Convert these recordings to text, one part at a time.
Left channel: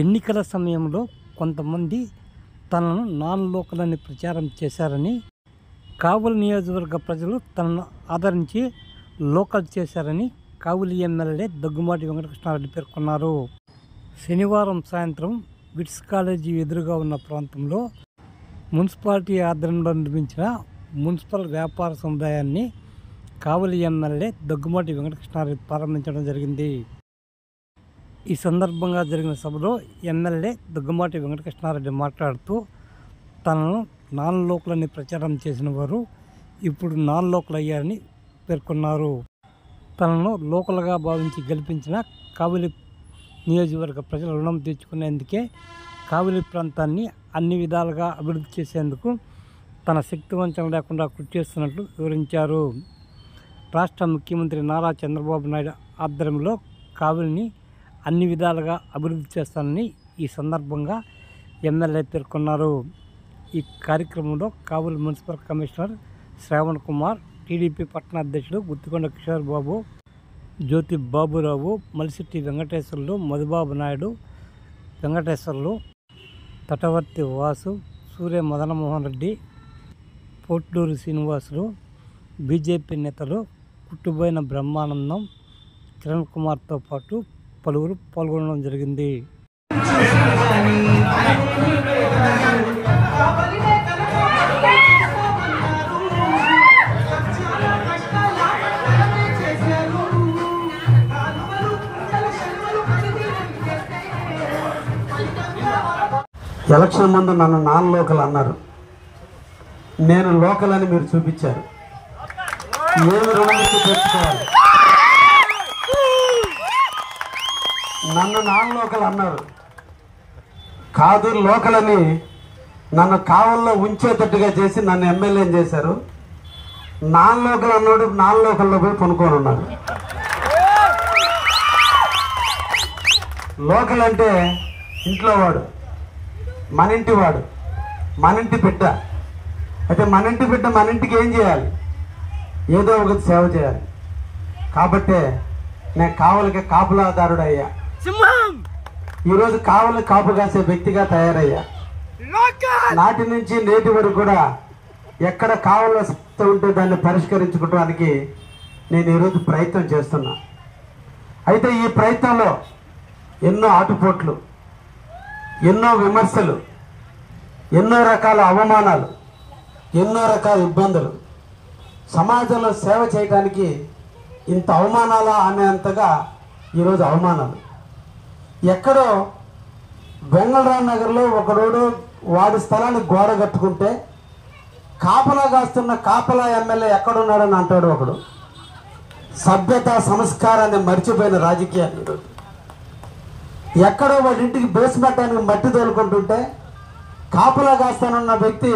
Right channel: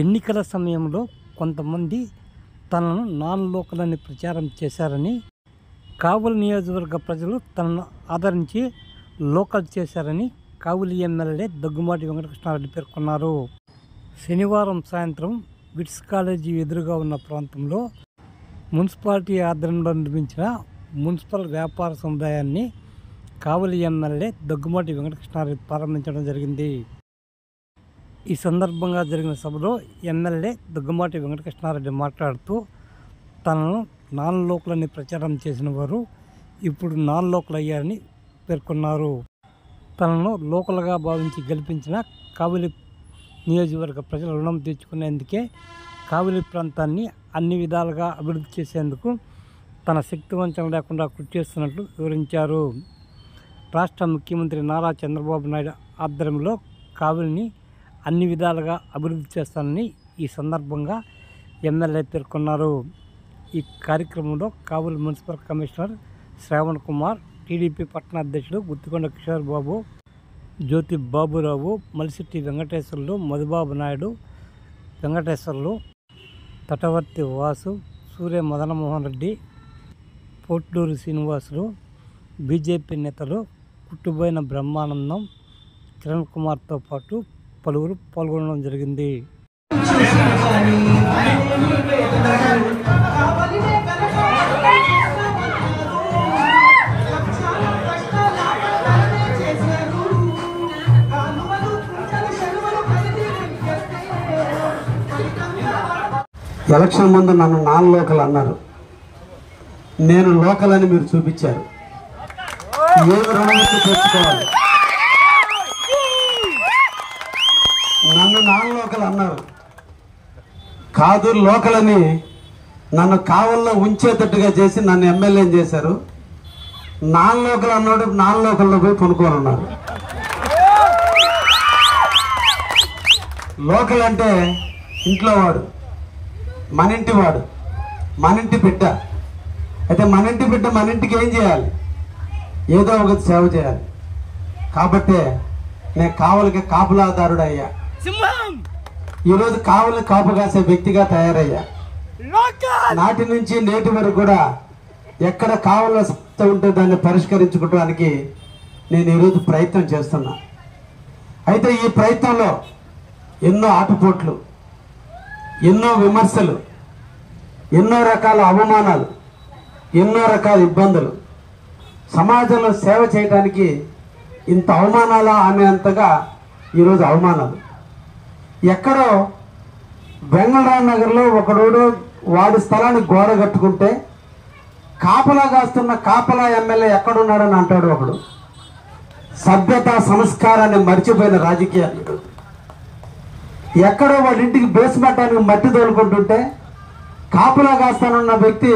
ఎన్నికల సమయంలో కొంతమంది తనను నాన్ లోకల్ అని ప్రచారం చేశారని, కావలి నియోజకవర్గ ప్రజలు తనను ఆదరించి లోకల్ చేశారని కావలి ఎమ్మెల్యే దగ్గుమాటి వెంకటకృష్ణారెడ్డి పేర్కొన్నారు. శనివారం సాయంత్రం విట్స్ కాలేజీ ఎదురుగా ఉన్న ప్రాంతంలో మున్సిపాలిటీ ఆధ్వర్యంలో నిర్మించిన మున్సిపల్ వ్యాపార సముదాయాన్ని కావలి ఎమ్మెల్యే దగ్గుమాటి వెంకటకృష్ణారెడ్డి ప్రారంభించడం జరిగింది. ఈ సందర్భంగా జరిగిన సభలో ఎమ్మెల్యే దగ్గుమాటి వెంకటకృష్ణారెడ్డి మాట్లాడుతూ, తనను నాన్ లోకల్ అని ప్రచారం చేసిన వారు ఇప్పుడు నాన్ లోకల్ అయ్యారని పేర్కొన్నారు. తనను లోకల్గా భావించి గెలిపించిన కావలి నియోజకవర్గ ప్రజల రుణం తీర్చుకునేందుకే కావలి ప్రాంతాన్ని అన్ని విధాలుగా అభివృద్ధి చేసేందుకు తన శక్తివంచన లేకుండా కృషి చేస్తున్నట్లు వివరించారు. రాష్ట్ర ముఖ్యమంత్రి నారా చంద్రబాబు నాయుడు ఆధ్వర్యంలో కావలిని అన్ని విధాలుగా అభివృద్ధి చేస్తానని ఈ సందర్భంగా ఎమ్మెల్యే పేర్కొన్నారు. ఈ కార్యక్రమంలో Kavali municipal commissioner Shravan Kumar, TDP పట్టణ అధ్యక్షుడు గుత్తికొండ కిషోర్ బాబు, జ్యోతి బాబురావు, మలిశెట్టి వెంకటేశ్వర్లు, మధుబాబు నాయుడు, వెంకటేశ్వర్లు, తటవర్తి వాసు, సూర్య మదనమోహన్ రెడ్డి, పోట్లూరు శ్రీనివాసులు, బీజేపీ నేతలు కుట్టుబోయిన బ్రహ్మానందం, కిరణ్ కుమార్తో పాటు పలువురు పాల్గొనడం జరిగింది. ఎలక్షన్ ముందు నన్ను నాన్ లోకల్ అన్నారు. నేను లోకల్ అని మీరు చూపించారు. ఏమి రుణముక్తి తెచ్చుకోవాలి? నన్ను నాన్ లోకల్ అన్నారు. కాదు లోకల్ అని నన్ను కావల్లో ఉంచేటట్టుగా చేసి నన్ను ఎమ్మెల్యేని చేశారు. నాన్ లోకల్ అన్నాడు, నాన్ లోకల్లో పోయి కొనుక్కొని ఉన్నారు. లోకల్ అంటే ఇంట్లో వాడు, మన ఇంటి వాడు, మన ఇంటి బిడ్డ. అయితే మన ఇంటి బిడ్డ మన ఇంటికి ఏం చేయాలి? ఏదో ఒకటి సేవ చేయాలి. కాబట్టే నేను కావలికి కాపులాదారుడు అయ్యా. ఈరోజు కావలి కాపు కాసే వ్యక్తిగా తయారయ్యా. నాటి నుంచి నేటి వరకు కూడా ఎక్కడ కావలి ఉంటే దాన్ని పరిష్కరించుకోవడానికి నేను ఈరోజు ప్రయత్నం చేస్తున్నా. అయితే ఈ ప్రయత్నంలో ఎన్నో ఆటుపోట్లు, ఎన్నో విమర్శలు, ఎన్నో రకాల అవమానాలు, ఎన్నో రకాల ఇబ్బందులు, సమాజంలో సేవ చేయడానికి ఇంత అవమానాలా అనేంతగా ఈరోజు అవమానాలు. ఎక్కడో బెంగళూరు నగర్లో ఒకడు వాడి స్థలాన్ని గోడ కట్టుకుంటే కాపలా కాస్తున్న కాపలా ఎమ్మెల్యే ఎక్కడున్నాడని అంటాడు ఒకడు. సభ్యత సంస్కారాన్ని మర్చిపోయిన రాజకీయాలు. ఎక్కడో వాడి ఇంటికి బేస్మట్టానికి మట్టి తోలుకుంటుంటే కాపలా కాస్తానన్న వ్యక్తి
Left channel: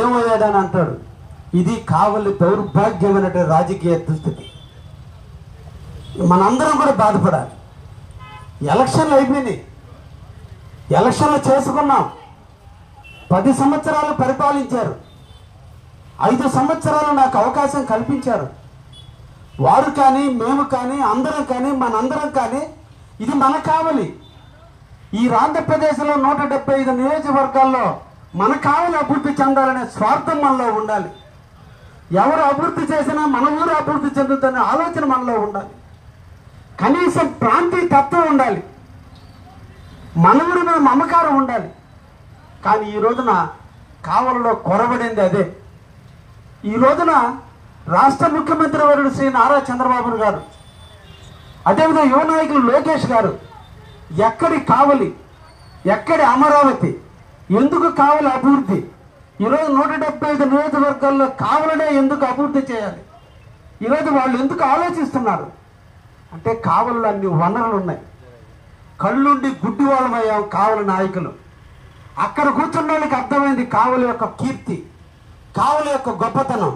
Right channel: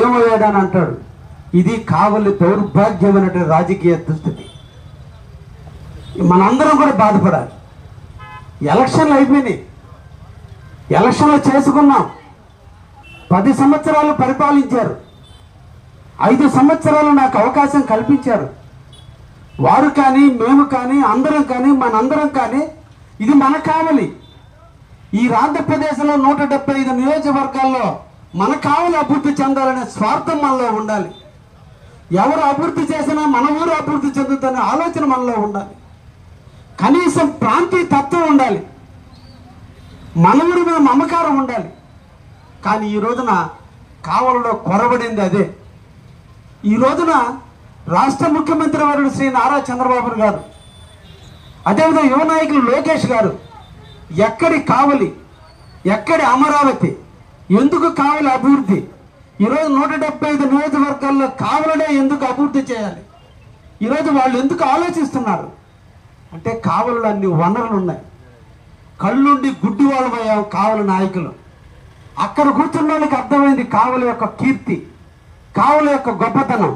ఏమయ్యాడని అంటాడు. ఇది కావలి దౌర్భాగ్యమైనటువంటి రాజకీయ దుస్థితి. మనందరం కూడా బాధపడాలి. ఎలక్షన్లు అయిపోయినాయి, ఎలక్షన్లు చేసుకున్నాం. 10 సంవత్సరాలు పరిపాలించారు. 5 సంవత్సరాలు నాకు అవకాశం కల్పించారు. వారు కానీ, మేము కానీ, అందరం కానీ, మనందరం కానీ ఇది మన కావలి. ఈ ఆంధ్రప్రదేశ్లో 175 నియోజకవర్గాల్లో మన కావలి అభివృద్ధి చెందాలనే స్వార్థం మనలో ఉండాలి. ఎవరు అభివృద్ధి చేసినా మన ఊరు అభివృద్ధి చెందుతుందనే ఆలోచన మనలో ఉండాలి. కనీసం ప్రాంతీయ తత్వం ఉండాలి. మన ఊరి మీద మమకారం ఉండాలి. కానీ ఈ రోజున కావలిలో కొరబడింది అదే. ఈ రోజున రాష్ట్ర ముఖ్యమంత్రి వర్యుడు శ్రీ నారా చంద్రబాబు గారు, అదేవిధంగా యువ నాయకులు లోకేష్ గారు, ఎక్కడి కావలి, ఎక్కడి అమరావతి, ఎందుకు కావలి అభివృద్ధి? ఈరోజు 175 నియోజకవర్గాల్లో కావలనే ఎందుకు అభివృద్ధి చేయాలి? ఈరోజు వాళ్ళు ఎందుకు ఆలోచిస్తున్నారు అంటే కావలిలో అన్ని వనరులు ఉన్నాయి. కళ్ళుండి గుడ్డి వాళ్ళమయ్యాం కావలి నాయకులు. అక్కడ కూర్చున్న వాళ్ళకి అర్థమైంది కావలి యొక్క కీర్తి, కావలి యొక్క గొప్పతనం.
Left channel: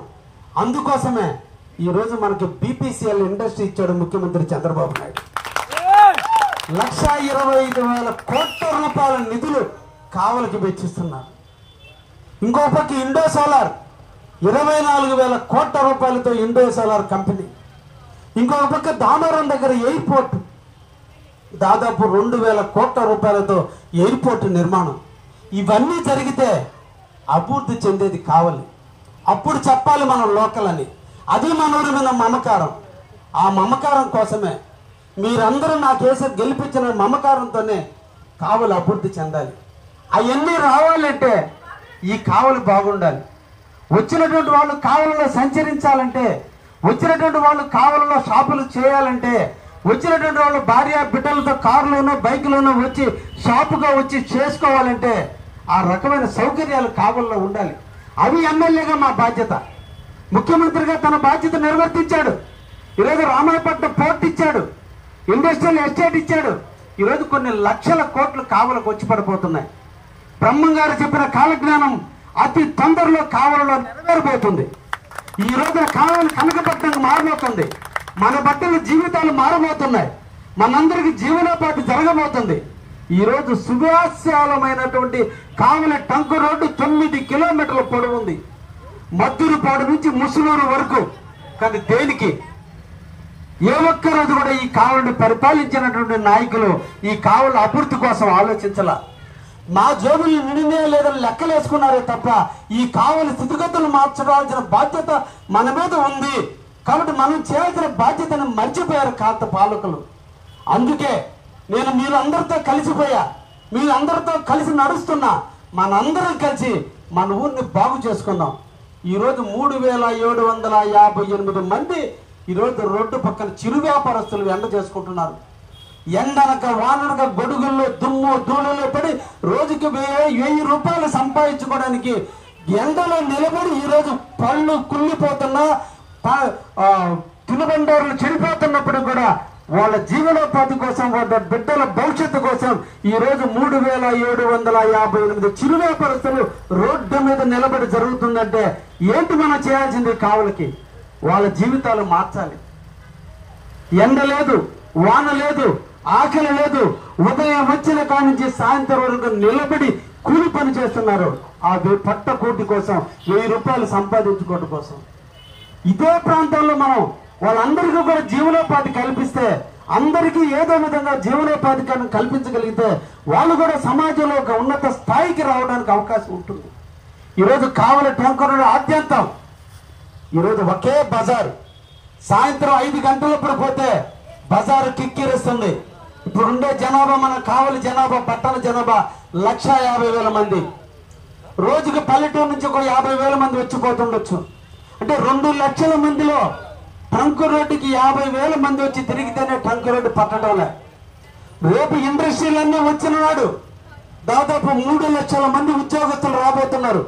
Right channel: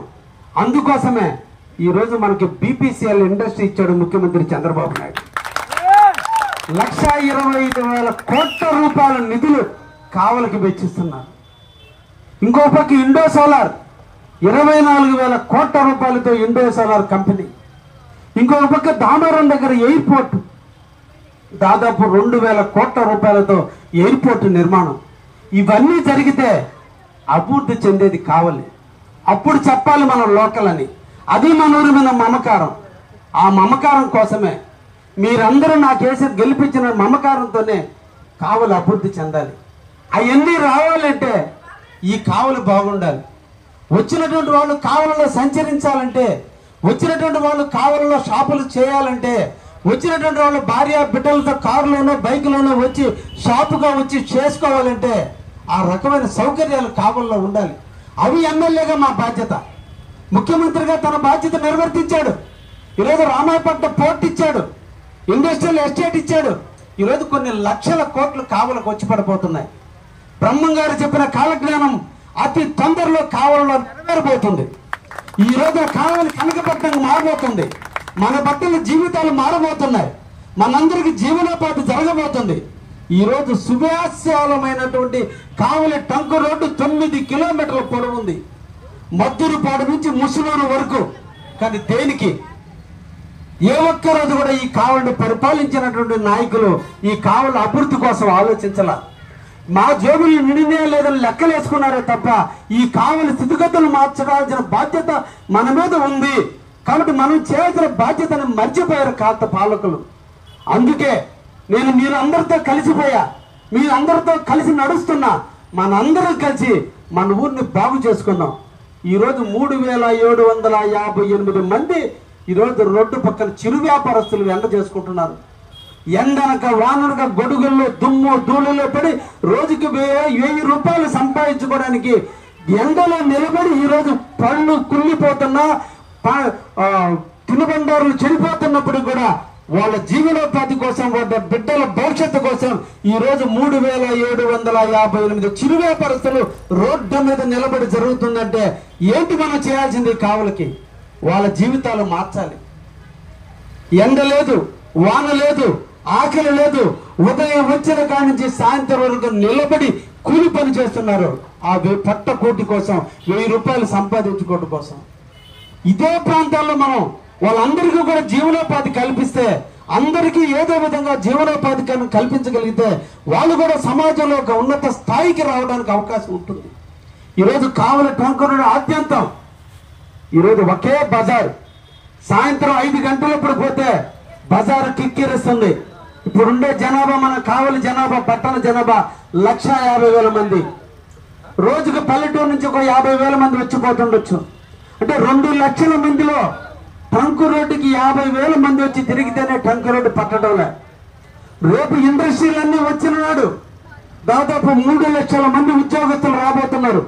అందుకోసమే ఈరోజు మనకి బీపీసీఎల్ ఇండస్ట్రీ ఇచ్చాడు ముఖ్యమంత్రి చంద్రబాబు నాయుడు. 1,25,000 కోట్ల రూపాయల నిధులు కావలికి వెచ్చిస్తున్నారు. ఇంకో పక్క ఇండో సోలార్ 24,000 కోట్ల రూపాయలతో ఇండో సోలార్ కంపెనీ. ఇంకొక పక్క దామరం దగ్గర ఎయిర్పోర్ట్ దాదాపు 2,000 కోట్ల రూపాయలతో ఎయిర్పోర్ట్ నిర్మాణం. ఇవన్నీ జరిగితే అభివృద్ధి చెందేది కావాలి. అప్పుడు చెప్పాలి మనం లోకల్ అని. అది మన ఊరి మీద మమకారం. ఆ మమకారం కోసమే మీరందరూ నాకేసి గెలిపించిన మమకారంతోనే కావలి అభివృద్ధి చెందాలి. అవన్నీ రావాలంటే ఈ కావలి బాగుండాలి. వచ్చినటువంటి వాళ్ళు కావలిలో సంచరించాలంటే, వచ్చినటువంటి వాళ్ళు కావలిలో షాపులు చేయాలంటే, వచ్చినటువంటి వాళ్ళు భార్య బిడ్డలతో కారులోనో బైకులోనో వచ్చి షాపుగా వచ్చి చేసుకోవాలంటే ఆ రకమైన సౌకర్యాలు కావలిలో ఉండాలి. అవి ఎమ్మెల్యేగా మా బాధ్యత. ముఖ్యమంత్రిగా తన బాధ్యత నిర్వర్తించాడు. ఈరోజు రామాయపట్నం పోర్ట్ ఇచ్చాడు, ఇండస్ట్రియల్ ఎస్టేట్ ఇచ్చాడు. ఈరోజు కొన్ని లక్షల కోట్లు కావలకు వచ్చి పడిపోతున్నాయి. బ్రహ్మం గారు చెప్పిన కాలజ్ఞానం అతి తొందరలో కావలిలో నెరవేరబోతుంది. ఈ రోజున కావలి కనకపట్నం మారబోతుంది. మన బట్టల జీవితాలు మారబోతున్నాయి. మనందరికి జీవనోపాధి జరగబోతుంది. ఈ రోజు సువ్యాస్యాలమైనటువంటి కావలి టంకు రోడ్డు 9 కిలోమీటర్ల పొడవు ఉంది, మద్దూరుపాడు నుంచి ముసునూరు వరకు. కానీ దేనికి? ఏ ఒక్క రోజు కూడా ఈ కావలిని పరిపాలించినటువంటి నాయకులు ఈ కావలి అభివృద్ధి కోసం ఆలోచించాల. మా జేబులు నిండినే లేదని లెక్కలేసుకున్నారే తప్ప ఈ కావలి స్థితిగతులు మార్చడాల్సిన బాధ్యత మన మీద ఉంది. కాబట్టి మనం చేయాల్సిన బాధ్యతను మర్చిపోయారు కాస్త పాలకులు. అందుకే నేను మీరందరితో కలిసిపోయా, మీరందరితో కలిసి నడుస్తున్నా. మనందరం కలిసి మన ఊరిని బాగు చేసుకున్నాం. ఈరోజు 3,758 మంది ఈరోజు రోడ్డు పక్కన చిరు వ్యాపారస్తులు ఎండ చేసుకుంటున్నారు. ఎండనక వాననక గొడుగుల్లో దుమ్ము ధూళిలో పడి రోజుకి 1000 రూపాయలు సంపాదించుకోవడానికి ఎండలో నిలబడి ఈరోజు పళ్ళు కుళ్ళిపోతున్నా, తినుబండారులు చెడిపోతున్నప్పుడు కూడా వాళ్ళ జీవనోపాధి కోసం, వాళ్ళ బిడ్డల భవిష్యత్తు కోసం ఈరోజు 3,758 చిరు వ్యాపారస్తులు రోడ్డు మీద నిలబడి జరుగుతుందంటే ఏంటి మనం చేయాల్సింది? కావలికి వాళ్ళ జీవితాలు మార్చాలి. ఎండ లేదు, వాన లేదు, ఆకలి లేదు. ఉదయం వచ్చిన కాడి నుంచి సాయంత్రం వరకు నిలబడి కూలి పని చేస్తున్నారు. ఆ పట్ట కోటి కోసం, 1000 రూపాయలు సంపాదించుకోవడం కోసం. ఇదే ప్రాంతాల్లో మనం వాళ్ళందరికీ కూడా జీవనోపాధి కల్పిస్తే, అందరికీ ఏదో విధంగా జీవనోపాధి కల్పించగలిగితే వాళ్ళు కూడా సమాజంలో ఒక ఉన్నత స్థాయికి రావడానికి అవకాశం ఉంటుంది. ఈరోజు కావలి టంకరుడు ఆద్యంతం ఈరోజు ఒకే బజార్. సాయంత్రం 5 గంటలప్పుడు పోతే బజారు కిక్కిరిస్తుంది. ఇప్పుడుండే జనాభా, మన కావలి జనాభా, పట్టణ జనాభా 1,50,000 మంది. రోజుకు పల్లెటూరు నుంచి ఒక 50,000 మంది వచ్చిపోతుండొచ్చు. అంటే 2 లక్షల మందిలో టంకు రోడ్డుకి 50,000 మంది వచ్చి తిరిగితేనే టంకు రోడ్డు పట్టడంలే. రేపు ఇండస్ట్రీలన్నీ వచ్చిన నాడు దాదాపు 3 లక్షల మంది ఉద్యోగస్తులు రాబోతున్నారు.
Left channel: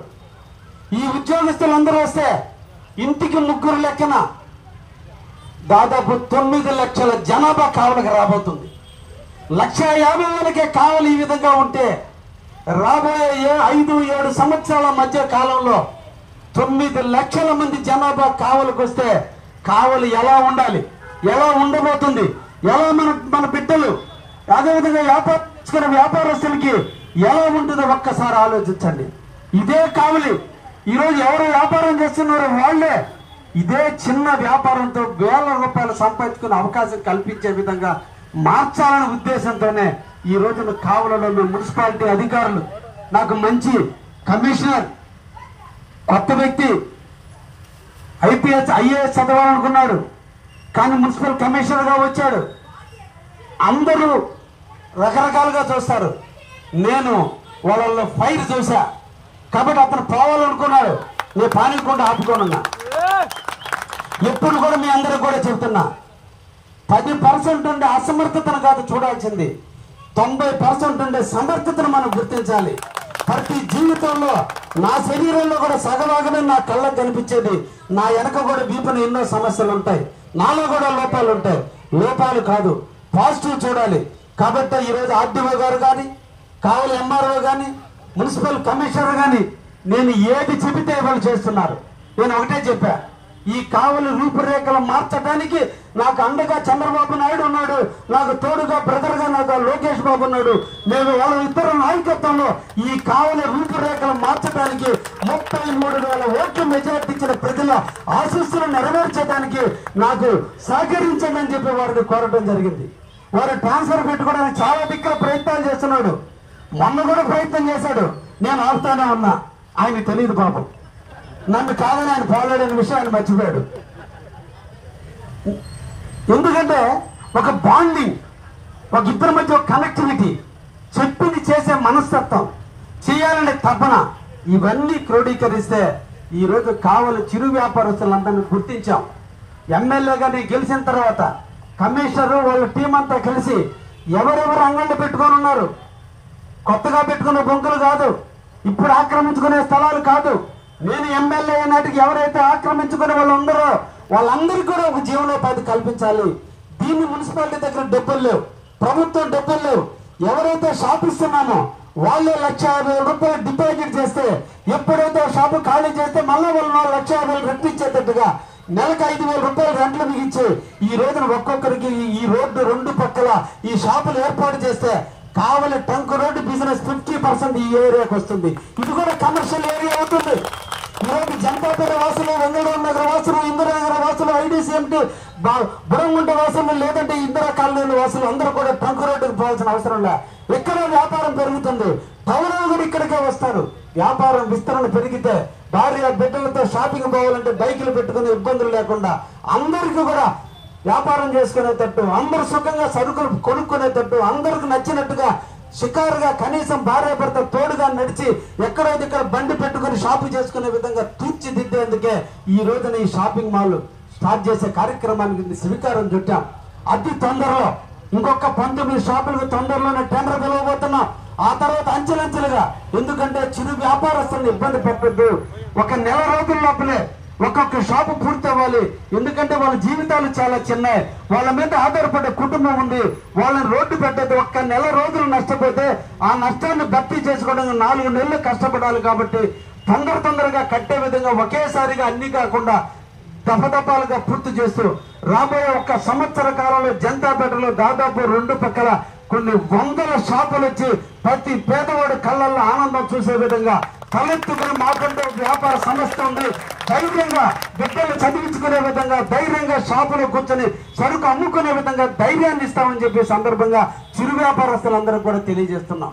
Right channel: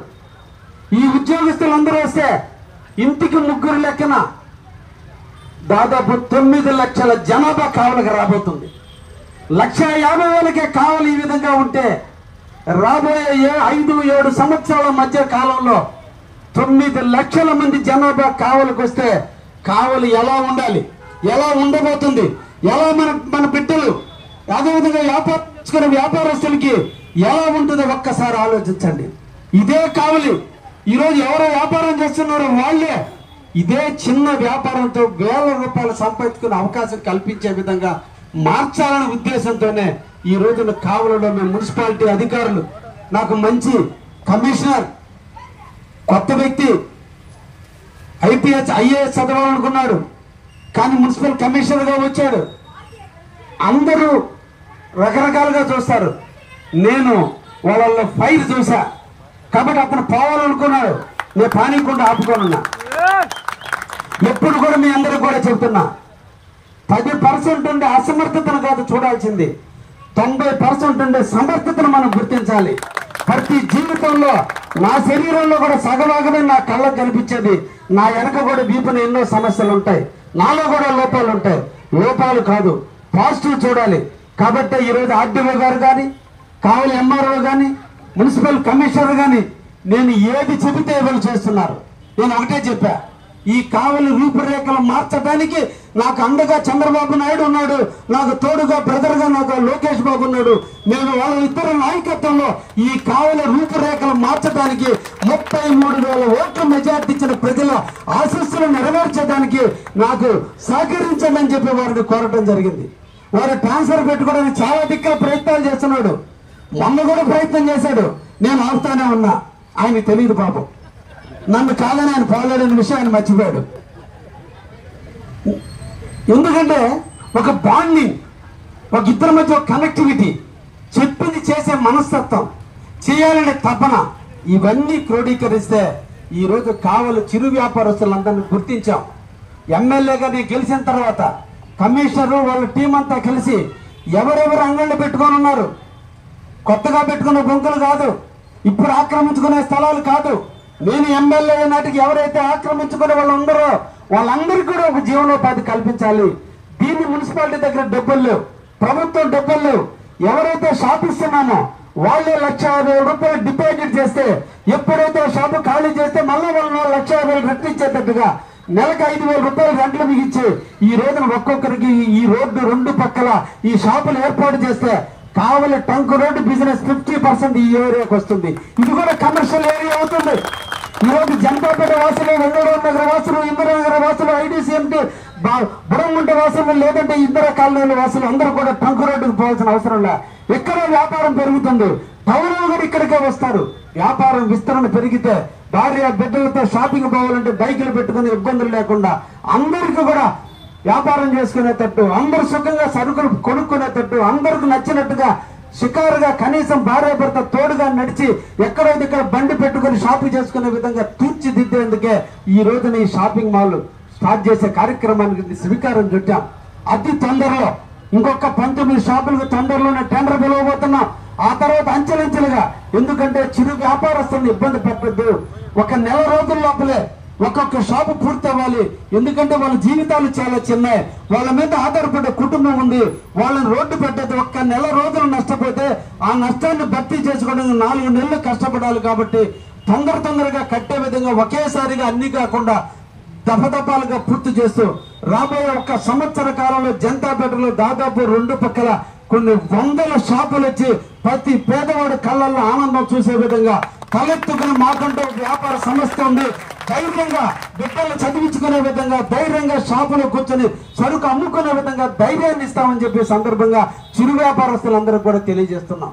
ఈ ఉద్యోగస్తులందరూ వస్తే ఇంటికి 3 లెక్కన దాదాపు 9 లక్షల జనాభా కావలికి రాబోతుంది. 1,50,000కే కావలి ఈ విధంగా ఉంటే రాబోయే 5-7 సంవత్సరాల మధ్య కాలంలో 9 లక్షల మంది జనాభా కావలికి వస్తే కావలి ఎలా ఉండాలి, ఎలా ఉండబోతుంది, ఎలా మన బిడ్డలు, అదేవిధంగా వ్యాపారం చేసుకునే వ్యాపారస్తులకి ఎలా ఉంటుందో ఒక్కసారి ఆలోచించండి. ఇదే కావలి ఈరోజు ఎవరు వ్యాపారం చేస్తున్నారో వాళ్ళే ఇదే చిన్న వ్యాపారంతో 1000 రూపాయలు సంపాదించుకునే అవకాశం కల్పించే విధంగా మార్చాలనే ఉద్దేశంతోనే ఈ రోజున కావలిలో మున్సిపాలిటీ అధికారులు, నాకు మంచి కమిషనర్, కొత్త వ్యక్తి IAS చదవాలనుకున్నాడు కానీ మున్సిపల్ కమిషనర్ గా వచ్చాడు. అందరూ రకరకాలుగా చూస్తారు. నేను వాళ్ళ ఫైర్ చూసా కాబట్టి అతను పోవాలనుకున్నాడు. నేను పానీకుండా ఆపుకోనున్నా. ఎప్పుడు కూడా మీ అందరూ కూడా చెప్తున్నా, 10% ఉండే అసమర్థతను కాదు చూడాల్సింది, 90% ఉండే సమర్థతను మనం గుర్తించాలి. ప్రతి జీవితంలో నా శరీరంలో కూడా సగభాగమే నా కళ్ళకు కనిపించేది. నా వెనక కూడా వీపున ఎన్నో సమస్యలు ఉంటాయి, నాలో కూడా లోపాలు ఉంటాయి. లోపాలు కాదు, పాజిటివ్ చూడాలి. కాబట్టి ఈరోజు RDO గారు కానీ, కావలి MRO కానీ, మున్సిపల్ కమిషనర్ కానీ నేను ఏది చెబితే వాళ్ళు చేస్తున్నారు. నేను ఒకటే చెప్పా, ఈ కావలి రూపురేఖలు మార్చడానికి నాకు అండగా చంద్రబాబు నాయుడు ఉన్నాడు, నాకు తోడుగా బ్రదర్గా నాకు లోకేష్ బాబు ఉన్నాడు. మేము వాళ్ళ ఇద్దరు నాయకత్వంలో ఈ కావలి రూపురేఖలు మార్చడానికి 33,000 ఓట్ల మెజార్టీ ఇచ్చిన ప్రజల ఆశీస్సులు నెరవేర్చడానికి నాకు సహకరించండి అని చెప్పి వారిని కోరటం జరిగింది. వారు ట్రాన్స్ఫర్ పెట్టుకోవడానికి చాలా దిక్కుల ప్రయత్నాలు చేస్తున్నాడు. మొన్న కూడా ప్రయత్నం చేశాడు. నేను ఆపుతానే ఉన్నా. ఆయన తెలియదు పాపం. నన్ను కాదని ఆయన పోలేడని విషయం ఆయన మర్చిపోయాడు. ఎందుకంటే ఒక బాండింగ్, ఒక ఇద్దరి మధ్య ఒక కనెక్టివిటీ, చెప్పింది చేసే మనస్తత్వం, చేయాలనే తపన, ఇవన్నీ క్రోడీకరిస్తే ఈరోజు కావలి చిరు వ్యాపారస్తులందరినీ గుర్తించాం. ఎమ్మెల్యేగా నేను గెలిచిన తర్వాత కమిషనర్ వాళ్ళ టీం అంతా కలిసి ఎవరెవరు అంగళ్ళు పెట్టుకొని ఉన్నారు, కొత్తగా పెట్టుకున్న బొంకులు కాదు, ఇప్పుడు ఆక్రమించుకునే స్థలాలు కాదు, నేను ఎమ్మెల్యే నాటికి ఎవరైతే ఆక్రమించుకునే వాళ్ళు ఉందరో వాళ్ళందరికీ కూడా ఒక జీవనోపాధి కల్పించాలి. దీన్ని మున్సిపాలిటీ దగ్గర డబ్బులు లేవు, ప్రభుత్వం డబ్బులు లేవు. ఎవరైతే షాప్ ఇస్తున్నామో వాళ్ళే 1,50,000 రూపాయలు డిపాజిట్ చేస్తే ఎప్పుడైతే ఆ షాపు ఖాళీ చేస్తే మళ్ళీ వాళ్ళు 1,50,000 రెట్టించేటట్టుగా నెలకు 5,000 రూపాయలు రెంట్లు మిగిల్చి ఈ రోజున ఒక్కొక్కరికి ఈ రోడ్డు 2 పక్కల ఈ షాపులు ఏర్పాటు చేస్తే కావలి ట్రంక్ రోడ్డు బిజినెస్ 50% ఈ ఏరియాకి వస్తుంది. ఇది కూడా కమర్షియల్ ఏరియా అవుతుంది. ఈ రోజు జనతాపేట వాసులు, వెంగళూరు నగర వాసులు, ఇందిరానగర్ వాసులు, ఐడీసీఎంటీ బుడముంట వాసులు, లేదంటే ఇందిరా కాలనీల వాసులు అందరూ కూడా ట్రంక్ రోడ్డుకు పోవాల్సిన అవసరం లే. ఎక్కడే వ్యాపారం పెరుగుతుంది, టౌన్ కూడా ఇక్కడికే వస్తారు. వ్యాపారం విస్తరణ పెరిగితే భార్య బిడ్డలతో షాపింగ్ పోవాలంటే బైకులు పెట్టుకునే ఇబ్బందులు లేకుండా అందరికీ కూడా వ్యాపారం చేసుకునేటట్టు, అందరూ సుఖంగా సరుకులు కొనుక్కునేటట్టు, అందరికి నచ్చినట్టుగా షికారుగా కనీసం భార్య భర్త తోడుగా నడిచి ఎక్కడైతే ఇక్కడ బండి పెట్టుకుని షాపింగ్ చేసుకునే విధంగా తీర్చిదిద్దేందుకే ఈ రోజున ఈ షాపింగ్ మాల్ స్టార్ట్ చేసే కార్యక్రమానికి శ్రీకారం చుట్టాం. అతి తొందరలో ఇంకొక 19 షాపులకు తొందరలోనే టెండర్ పిలవబోతున్నాం. ఆ తర్వాత అంచెలంచెలుగా, ఎందుకంటే చిరు వ్యాపారస్తులను ఇబ్బంది పెట్టద్దు. ఒక నెల రోజుల లోపలే ఒక్కొక్క షాపు పూర్తి అవ్వాలి. ఎందుకంటే వాళ్ళ జీవితాలు చాలా చిన్నవి, వాళ్ళ మీద ఆధారపడే కుటుంబం ఉంది. వాళ్ళని రోడ్డు పెట్టద్దు. ఒక్క నెల రోజులు నష్టపోతే ఆ నష్టాన్ని భర్తీ చేసుకోవడానికి 4 నెలలు కష్టపడాలి. కాబట్టి తొందరగా కట్టే విధంగా ఒకేసారిగా అన్ని కాకుండా దఫదఫాలుగా పూర్తి చేస్తూ రాబోయే 1 సంవత్సర కాలంలో జనతాపేటలో దాదాపు 2 పక్కల కొన్ని వందల షాపులు వచ్చి ప్రతి పేదవాడి కళ్ళల్లో ఆనందం చూసే విధంగా తలెత్తుకుని మాకంటే వ్యాపార సంస్థ ఉంది, ధైర్యంగా బిడ్డలు చదివించుకునే విధంగా, ధైర్యంగా షాపులో కూర్చొని సరుకు అమ్ముకునే విధంగా ధైర్యాన్ని ఇస్తామని చెప్పి సందర్భంగా చిరు వ్యాపారస్తులందరికీ కూడా తెలియజేస్తున్నాం.